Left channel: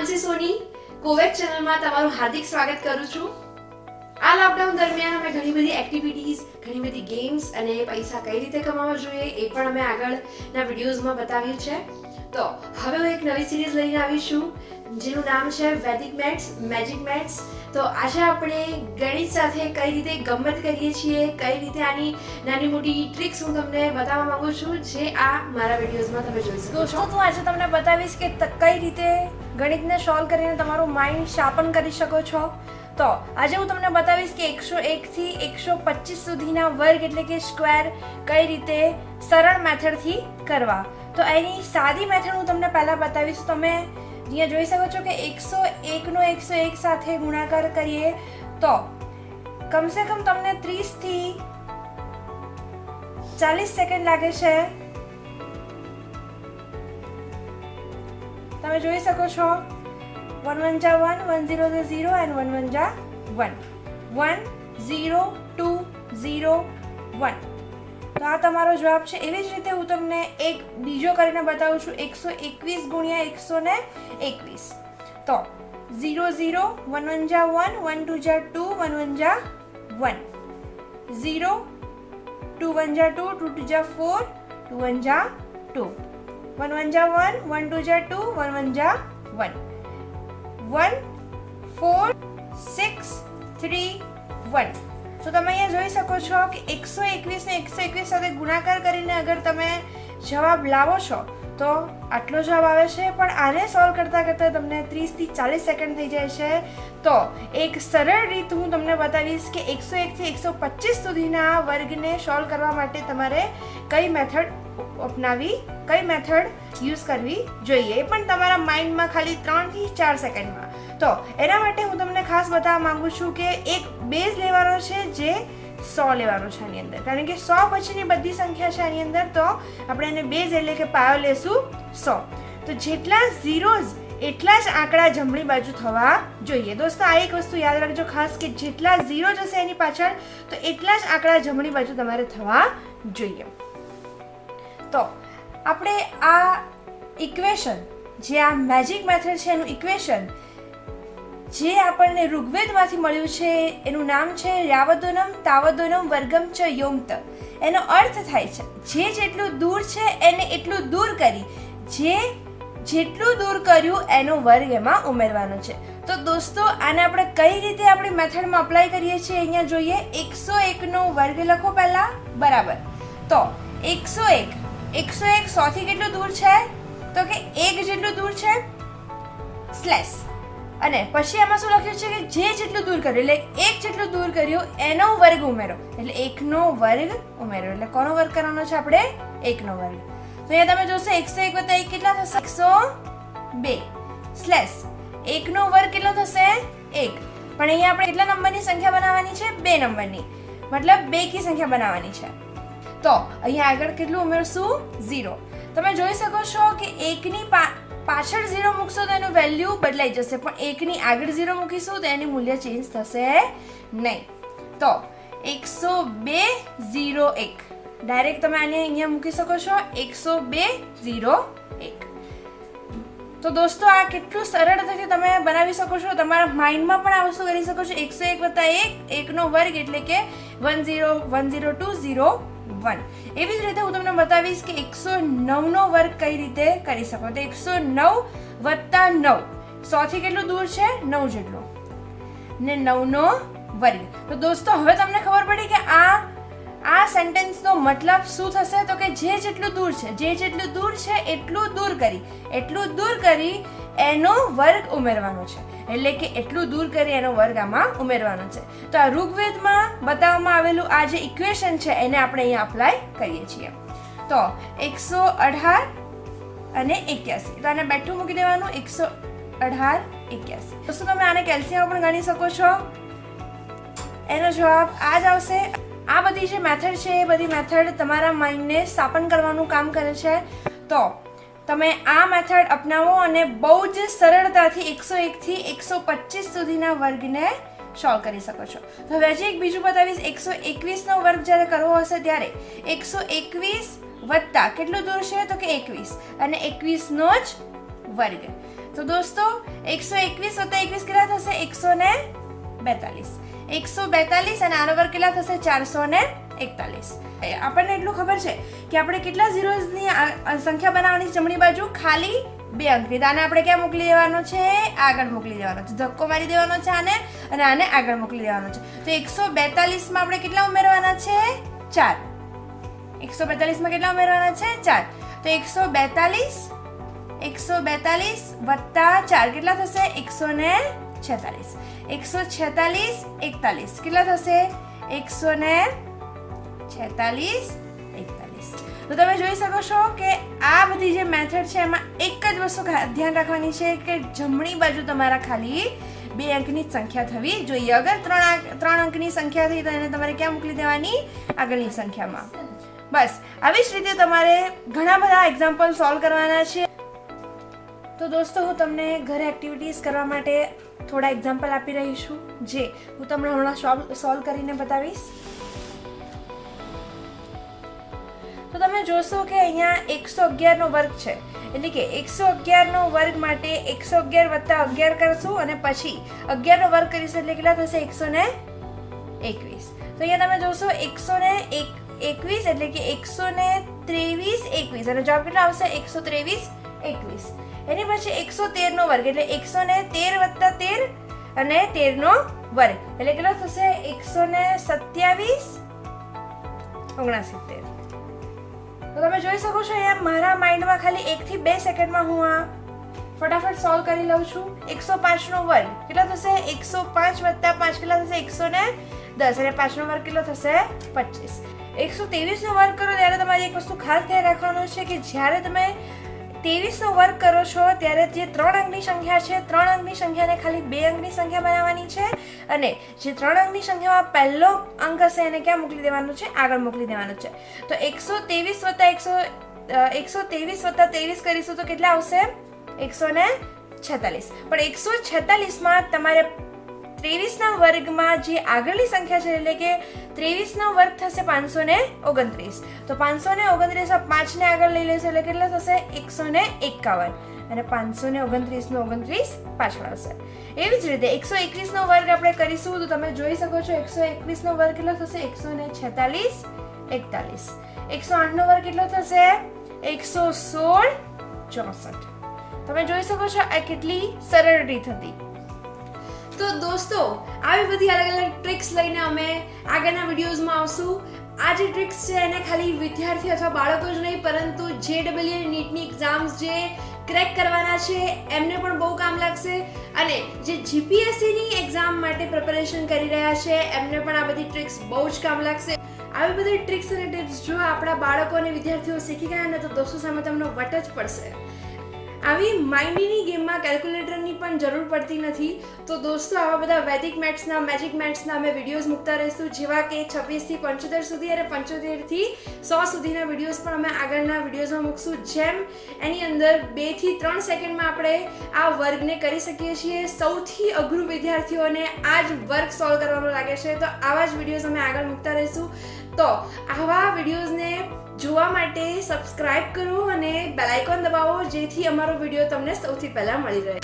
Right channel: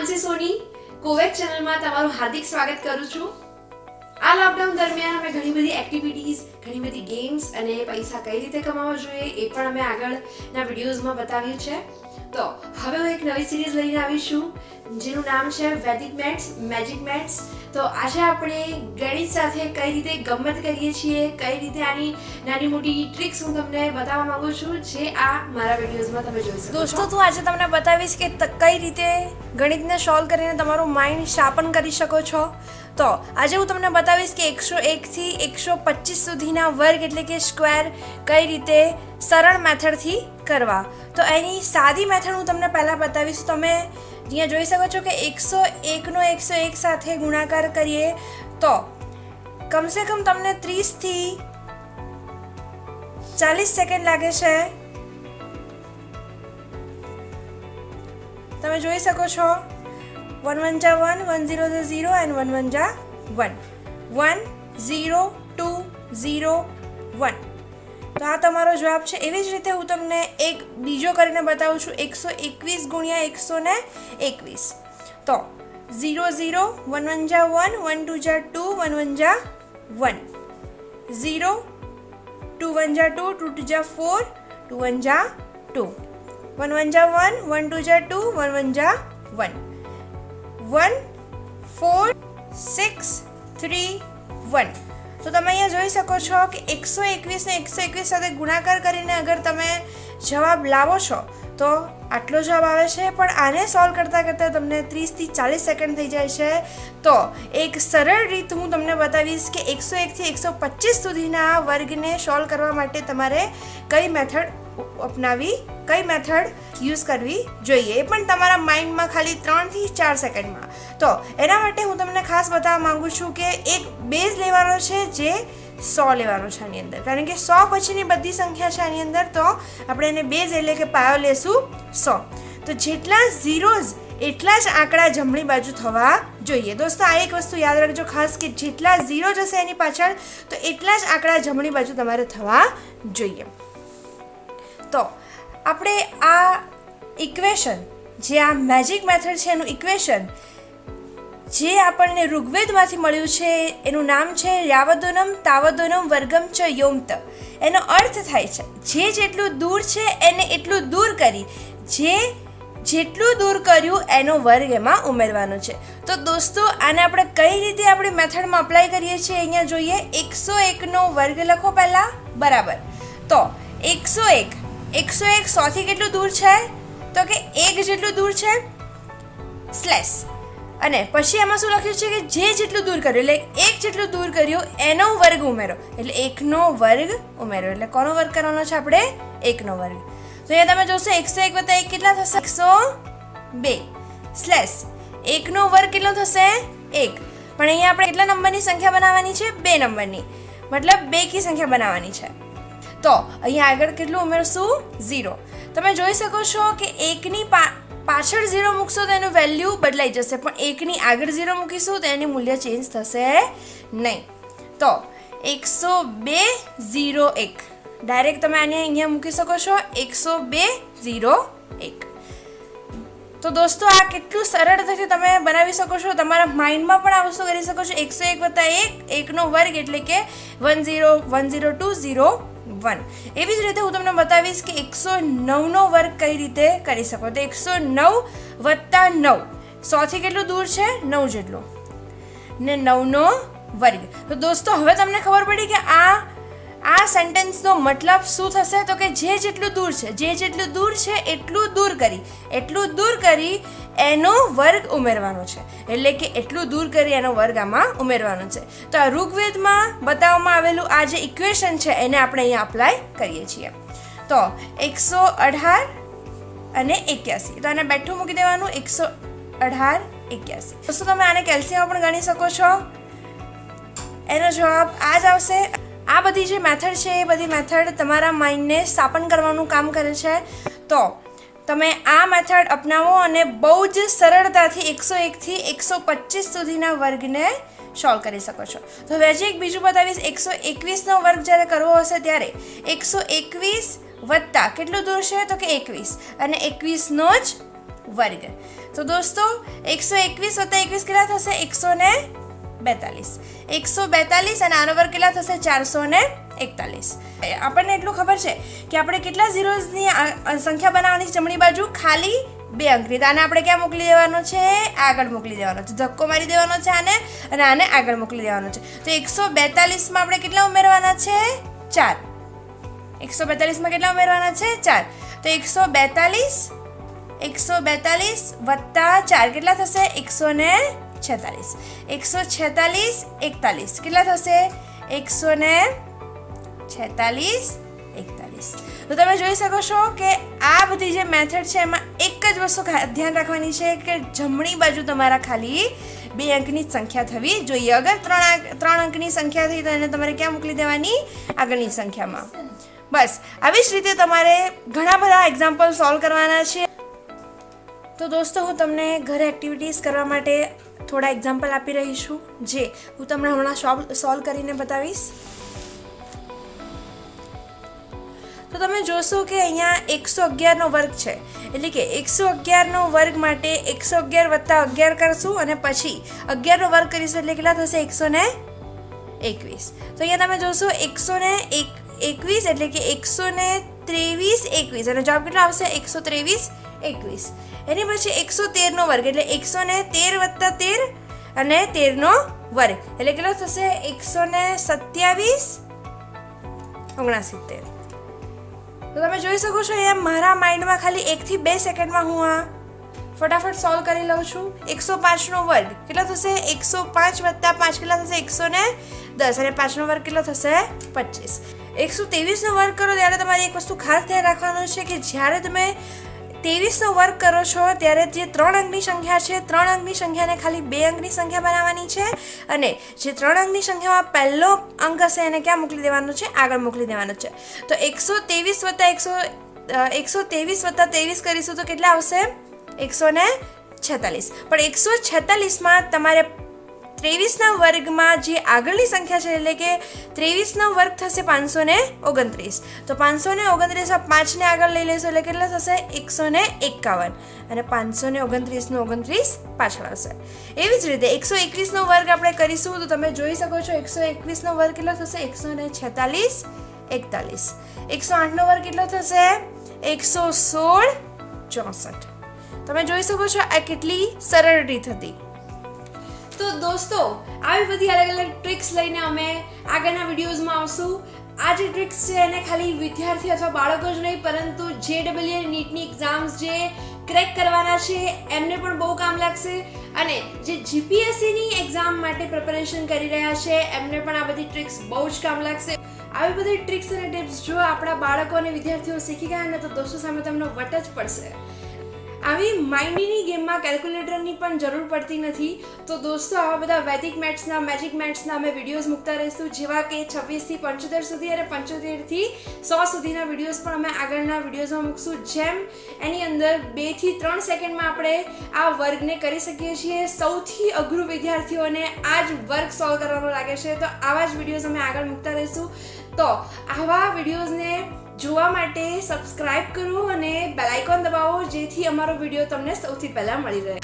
માનસી સોની કોવેક ચેનલમાં તમારું હાર્દિક સ્વાગત કરું છું. આ લોકડાઉન દરમિયાન અમે ઘણી બધી એક્ટિવિટીઝ, ઘણી બધી ગેમ્સ અને પૈસા કઈ રીતે કમાવવા જોઈએ એ પણ અમે આગળના વિડીયોઝમાં બતાવ્યું છે. તો હવે હું એક નવી સિરીઝ લઈને આવી છું જેનું નામ છે વૈદિક મેથ્સ, મેજિક મેથ્સ. તો આજે આપણે ગણિત સાથે કઈ રીતે ગમ્મત કરીએ છીએ, કઈ રીતે આની નાની મોટી ટ્રિક્સ હું તમને બતાવવા માંગુ છું જે આ મારા વિડીયોઝમાં તમે જોઈ શકો છો. દોસ્તો, હું આજે તમને બતાવીશ કે કઈ રીતે ગણિતને સોલ્વ કરીને તમારું માઇન્ડ શાર્પન કરી શકો છો. તો આજે હું તમને બતાવીશ કે 101 થી 125 સુધીના વર્ગ એટલે કે સ્ક્વેર કઈ રીતે સરળ મેથડથી કરવા. તો એની સાદી મેથડ હું તમને પહેલાં બતાવીશ. તમે અહીંયા જોઈ શકો છો કે 101 નો 101 સાથે ગુણાકાર કરીએ તો કમસે કમ તમને 30 થી 40 સેકન્ડ લાગે છે. તમે જોઈ શકો છો 1 1 જા 1, 1 0 જા 0 and 1 1 જા 1, 1 0 2 0 1. તો આ તમારો જવાબ છે. એવી જ રીતે હું તમને એક બીજો કરીને બતાવું છું 121 ગુણ્યા 121. તો 0 0 1 1 જા 1, 1 2 જા 2, 1 1 જા 1, 0 2 1 જા 2, 2 2 જા 4, 2 1 જા 2, 1 1 જા 1, 1 2 જા 2, 1 1 જા 1, 1 4 6 3 1. તો તમે અહીંયા જોઈ શકો છો કે 121 ને 121 સાથે ગુણાકાર કરીને અગર તમે જવાબ લાવો છો તો આટલો જવાબ આવે છે. પણ આને સોલ્વ કરતાં કરતાં તમને 30 થી 40 સેકન્ડ થઈ જાય છે. તો એક સરળ રીત હું તમને બતાવીશ કે 101 થી 125 સુધીના વર્ગને સોલ્વ કરવા માટે તમારે કઈ મેથડ અપનાવી, કઈ મેથડ યુઝ કરવી જોઈએ, એ પણ તમારા માઇન્ડમાં ખાલી 3 થી 4 સેકન્ડમાં. તો એના માટે હું તમને ખાસ બતાવવા માંગુ છું કે એક બેઝ લેવાનો છે જે 100 લેવાનો છે આની અંદર, કારણ કે 100 પછીની બધી સંખ્યા છે આની અંદર. તો આપણે એને બેઝ એટલે કે પાયો લેશું 100. તો જેટલા ઝીરોઝ એટલા જ આંકડા જમણી બાજુ થવા જોઈએ. દોસ્તો, આ એક વસ્તુ યાદ રાખજો ખાસ કે જેટલા ઝીરો જશે એની પાછળ તો એટલા જ આંકડા જમણી બાજુ તમારે થવા જોઈએ. તો આપણે આ ઇક્વેશન, જે આ મેજિક મેથડ છે એનું ઇક્વેશન જે આપણને ઋગ્વેદમાંથી મળ્યું છે એનું નામ છે યાવદોનમ તાવદોનમ વર્ગમ ચ યોમત. એનો અર્થ થાય છે જે જેટલું દૂર છે એને એટલું દૂર કરી, જે જેટલું દૂર કર્યું એનો વર્ગ એમાં ઉમેરવાનો છે. તો દોસ્તો, આને આપણે કઈ રીતે આપણી મેથડમાં અપ્લાય કરીએ છીએ અહીંયા જોઈએ. 101 નો વર્ગ લખો પહેલાં, બરાબર. તો 101 100 થી કેટલું દૂર છે? તો કે 1 જેટલું દૂર છે, સ્લેશ. અને પછી એમાં શું લખ્યું છે કે જે જેટલું દૂર કર્યું એટલે 1 જેટલું દૂર કર્યું એનો વર્ગ ઉમેરો, એટલે 1 નો વર્ગ ઉમેરો. એટલે કોનો વર્ગ કરવાનો છે આપણે? 1 નો વર્ગ. તો અહીંયા તમે જોશો 101 + 1 કેટલા થશે? 102 સ્લેશ 1 નો વર્ગ કેટલો થશે? 1. પણ અહીંયા આપણે કેટલા નંબરની સંખ્યા બનાવવાની છે? 2 નંબરની, મતલબ 2 કી સંખ્યા બનાવવાની છે. તો અહીંયા આગળ કેટલું ઉમેરશું? 0. તમે જોઈ શકો છો કે 1 ની પાછળ 0 મૂકશો તો એનું વેલ્યુ બદલાઈ જશે, પણ 1 ની આગળ 0 મૂકીશું તો એની મૂલ્ય ચેન્જ થશે નહીં. તો 102.01 ડાયરેક્ટ તમે આને અહીંયા મૂકી શકો છો 102.01. તો દોસ્તો, આ કેટલું સરળતાથી તમે બનાવી શકો છો. તમારા માઇન્ડમાં પણ આ વસ્તુ કરી શકો છો. 101 + 1, 1 નો વર્ગ એટલે કે 102.01. એવી જ રીતે હું તમને બતાવીશ કે 109 નો વર્ગ કઈ રીતે કરી શકો. તો 109 + 9, 100 થી કેટલું દૂર છે? 9 જેટલું, ને 9 નો વર્ગ. તો દોસ્તો, હવે તમને ખબર પડી કે આ સેન્ટેન્સનો મતલબ શું થશે. તો કે જે જેટલું દૂર છે, જે જેટલું દૂર છે એટલું દૂર કરી એનો વર્ગ ઉમેરવાનો છે. એટલે કે એટલું દૂર કરી એનો વર્ગ આમાં ઉમેરવાનો છે. તો આ ઋગ્વેદમાં બતાવવામાં આવેલું આ જે ઇક્વેશન છે એને આપણે અહીંયા અપ્લાય કરીએ છીએ. તો 118 અને 81, તો આને બેઠું મૂકી દેવાનું. 118 81. દોસ્તો, તમે આને કેલ્શિયમ પણ ગણી શકો છો. એનો જવાબ આ જ આવશે. આ બધી જે મેથડ છે એ બધી મેથડ તમારા માઇન્ડને શાર્પન કરવાનું કામ કરે છે. તો તમે આ મેથડ અપનાવો અને બહુ જ સરળતાથી 101 થી 125 સુધીના વર્ગને સોલ્વ કરી શકો છો. તો હવે એક બીજું બતાવીશ. 121 નો વર્ગ જ્યારે કરવો હશે ત્યારે 121 વત્તા કેટલું દૂર છે? તો કે 21, અને 21 નો જ વર્ગ. તો દોસ્તો 121 વત્તા 21 કેટલા થશે? 142. 142 અને આનો વર્ગ કેટલા થશે? 441. આપણને એટલું ખબર છે કે આપણે કેટલા ઝીરોઝની સંખ્યા બનાવવાની છે જમણી બાજુ? ખાલી 2 અંકની. તો આને આપણે ક્યાં મોકલી દેવાનો છે? આગળ મોકલી દેવાનો છે. ધક્કો મારી દેવાનો છે આને અને આને આગળ મોકલી દેવાનો છે. તો 142 માં આપણે કેટલા ઉમેરવાના છે? 4. 142 માં કેટલા ઉમેરવાના છે? 4. તો 142 વત્તા 4 કેટલા થશે? 146. 146 41 કેટલા થશે? 146 41. તો તમે જોઈ શકો છો કે આ બધી જે મેથડ છે એમાં એક જ વસ્તુ ધ્યાન રાખવાની છે કે જમણી બાજુ તમારા ખાલી 2 અંકની જ સંખ્યા થવી જોઈએ. અગર 3 અંકની સંખ્યા થઈ તો એને તમારે ક્યાં મોકલી દેવાની? આગળની સંખ્યામાં. બસ આવી જ રીતે તમારે ઘણા બધા એક્ઝામ્પલ સોલ્વ કરવાના છે. તો દોસ્તો હું તમને ઘરે એક્ટિવિટીઝ કરવા માટે થોડા એક્ઝામ્પલ આપી રહી છું જે હું તમને હમણાં સોલ્વ કરીને બતાવીશ. તો તમે જોશો કે અહીંયા 111 નો વર્ગ છે એટલે કે 111 નો વર્ગ માટે 111 વત્તા 11 કરશું અને પછી 11 નો વર્ગ કરીશું એટલે કેટલા થશે? 121. તો અહીંયા તમે જોશો 121 એટલે કે 123 21 અને જવાબ કેટલો આવશે? 123 21. એની પછી 113 નો વર્ગ એટલે 113 વત્તા 13 અને 13 નો વર્ગ એટલે કેટલો થશે? 127 69. તો તમે જોઈ શકો છો અહીંયા મારા માઇન્ડમાં ખાલી 1 થી 2 સેકન્ડમાં હું આ ફટાફટ સોલ્વ કરી લઉં છું. 105 નો વર્ગ કેટલો થશે? 105 વત્તા 5 કેટલા થશે? 110 અને 5 નો વર્ગ કેટલો થશે? 25. 123 નો વર્ગ કરો ત્યારે તમારે એક વસ્તુ ખાસ ધ્યાન રાખવાનું છે કે જ્યારે તમે 23 નો વર્ગ કરો છો ત્યારે જે 3 અંકની સંખ્યા છે 3 અંકની સંખ્યાને ખાલી 2 અંકની સંખ્યા બનાવવાની છે અને જે 3 અંકની સંખ્યામાં પહેલો અંક હશે એને ક્યાં મોકલી દેવાનો છે? આગળ મોકલી દેવાનો છે. તો 123 વત્તા 23 કરીશું તો કેટલા આવશે? 146. પણ 146 માં તમારે 23 ના વર્ગમાં જે આગળની સંખ્યા છે એટલે કે 23 નો વર્ગ થશે 529. તો 529 માં 5 ને આગળ લઈ લેશો એટલે કેટલા થશે? 151 અને 529 નો 29 પાછળ આવશે. એવી જ રીતે 121 નો વર્ગ આપણે કરીશું તો તમે જોઈ શકો છો 121 નો વર્ગ કેટલો થશે? 146 41. 108 નો વર્ગ કેટલો થશે? 116 64. તમે જોઈ શકો છો આ કેટલી સરળ રીત હતી. તો દોસ્તો આવી બધી અલગ અલગ ટ્રિક્સ લઈને અમે આગળના વિડીયોઝમાં આવશું. આ જે ટ્રિક્સ છે એને ખાલી વિદ્યાર્થી અથવા બાળકો જ નહીં પરંતુ JEE નીટની એક્ઝામ્સ જે ક્રેક કરવાના છે એમને પણ બહુ કામ લાગશે અને જે GPSCની એક્ઝામ માટે પ્રિપેરેશન કરી રહ્યા છે એમને પણ આ બધી ટ્રિક્સ બહુ જ કામ લાગશે. આવી બધી ટ્રિક્સ અને ટિપ્સ જો આપણા બાળકો અને વિદ્યાર્થીઓ શીખી ગયા ને તો દોસ્તો સામે તમને વટ જ પડશે. આવી માઇન્ડની ગેમમાં કેલ્ક્યુલેટરની પણ જરૂર પડતી નથી. તો દોસ્તો આવા બધા વૈદિક મેથ્સના મેજિક મેથ્સના અમે વિડીયોઝ મૂકતા રહીશું જેવા કે 26 થી 75 સુધી અને 75 થી 100 સુધીના વિડીયોઝ પણ અમે આગળના વિડીયોઝમાં મૂકશું. જેમ એની અંદર 2 થી 3 સેકન્ડમાં આપણે આ વર્ગને કરી શકીએ છીએ. સૌથી અઘરું વિદ્યાર્થીઓને આ જ વર્ગ સોલ્વ કરવાનો લાગે છે. તો આવા જ વિડીયોઝ અમે આગળ મૂકતા રહીશું. તો આવા વિડીયોઝને જોવા માટે સબસ્ક્રાઇબ કરો અને બેલ આઇકોન દબાવો જેથી અમારો વિડીયો તમને સૌથી પહેલા મળી રહે.